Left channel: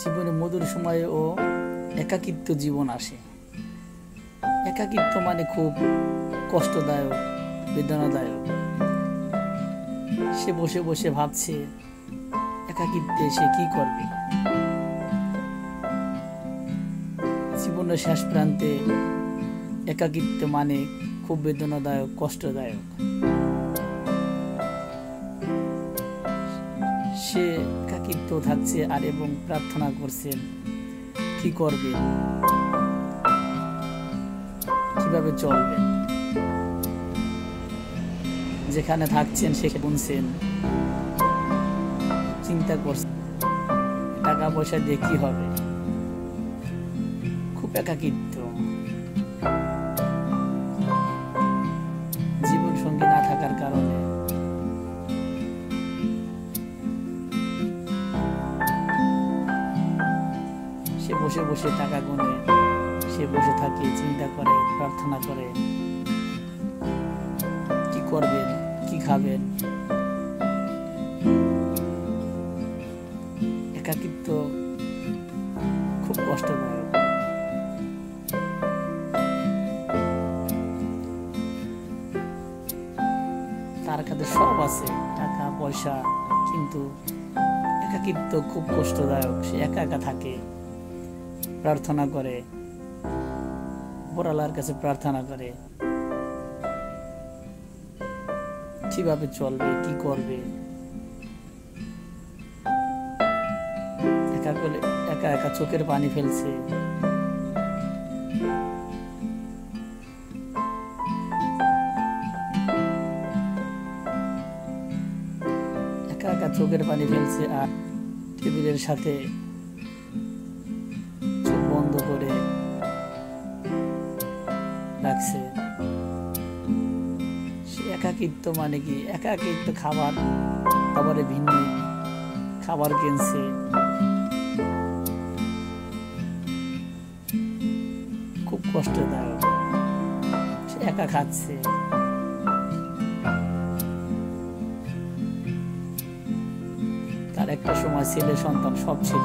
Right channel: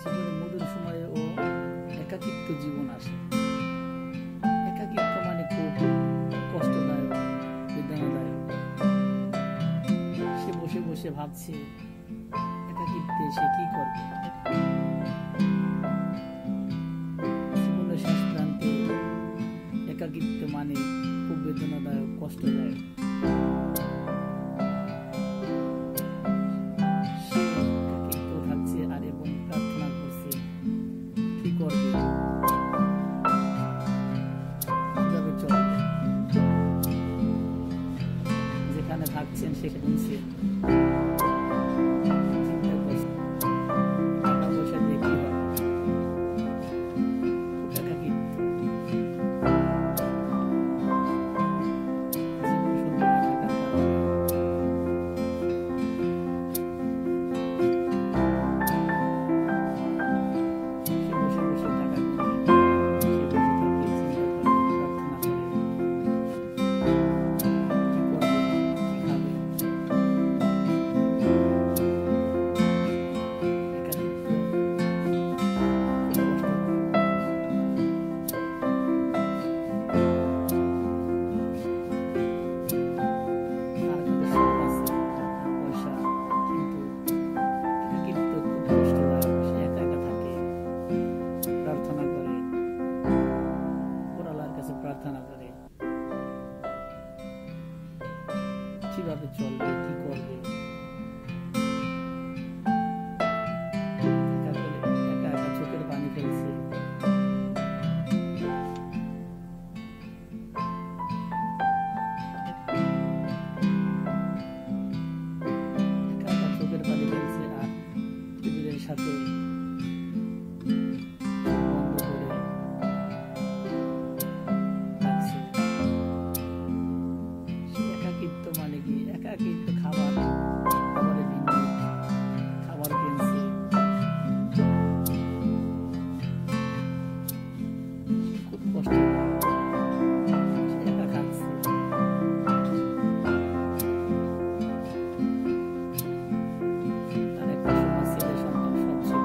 জীবনে মধুর সময়ে ও একাকিত্ব জীবন আসে। একাকিত্ব মানে খুব কষ্টদায়ক, বেদনাদায়ক। সে বসে বসে ভাবছে একাকিত্বে সে কি করবে। জীবনের শেষ প্রান্তে একাকিত্ব মানে খুব বেদনাদায়ক, কষ্টদায়ক। সে একাকিত্ব থাকছে আর এবং প্রার্থনা করছে কি করবে, কিভাবে চলবে। যেখানে থাকছেন সেখানে শুনছেন, চিন্তা করছেন টাকা পয়সা দিয়ে কি হবে। খুব একাকিত্ব। জীবন সঙ্গী না থাকার কারণে সে বসে বসে টাকা গুনে, সে বসে থাকে, চিন্তা করে, প্রার্থনা করে কি করবে, কি খাবেন। একাকিত্ব খুব কষ্টদায়ক। তার কাছে সব আছে, টাকা পয়সা, কিন্তু একাকিত্ব খুব কষ্টদায়ক। সে একা একা থাকে, প্রার্থনা করে, উপরওয়ালার কাছে প্রার্থনা করে কিভাবে চলবে, কি করবে। একা একা চোখের পানি ফেলছে। একা একা চোখের পানি ফেলছে আর টেবিলের সাথে চোখ বন্ধ করে রাখছে। সে একাকিত্ব মানে কি, একাকিত্ব খাবারে ভিন্ন খাবার কিনছে, খুব কষ্টদায়ক। সে একা খাচ্ছে। তার একটা সময় ছেলে সন্তান সব ছিল,